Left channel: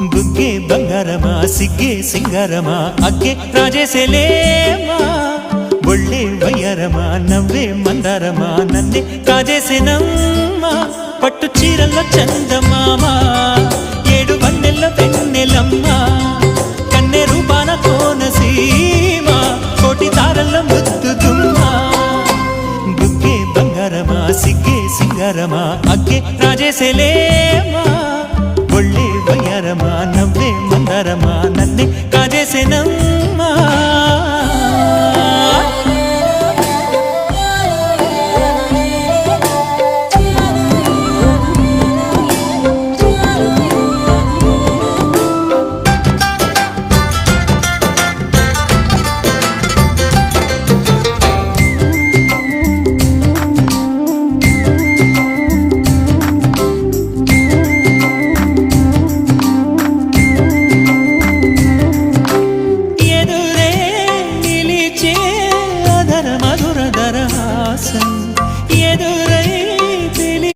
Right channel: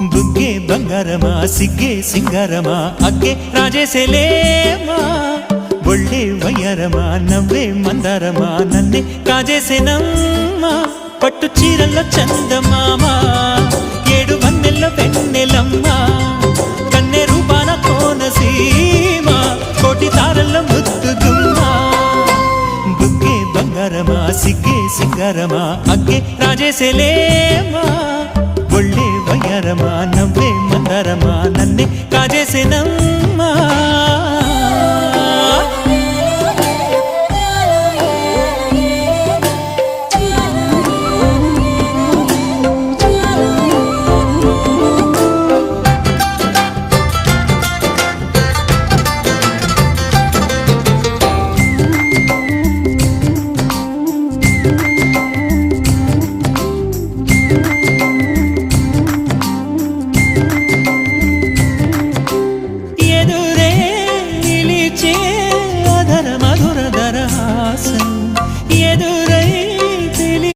బుగ్గే బంగారమా సిగ్గే సింగారమా అగ్గే రాజేసేలేమా ఒళ్ళే వయ్యారమా నవ్వే మందారమా నన్నే కాజేసేనమ్మా పట్టు చీరల్లో చందమామా ఏడు వన్నెల్ల వెన్నెలమ్మా కన్నె రూపాన కోనసీమా కోటి తారల్ల ముద్దుదుమ్మా బుగ్గే బంగారమా సిగ్గే సింగారమా అగ్గే రాజేసేలేమా ఒళ్ళే వయ్యారమా నవ్వే మందారమా నన్నే కాజేసేనమ్మా మధుర దరహాసం ఎదురై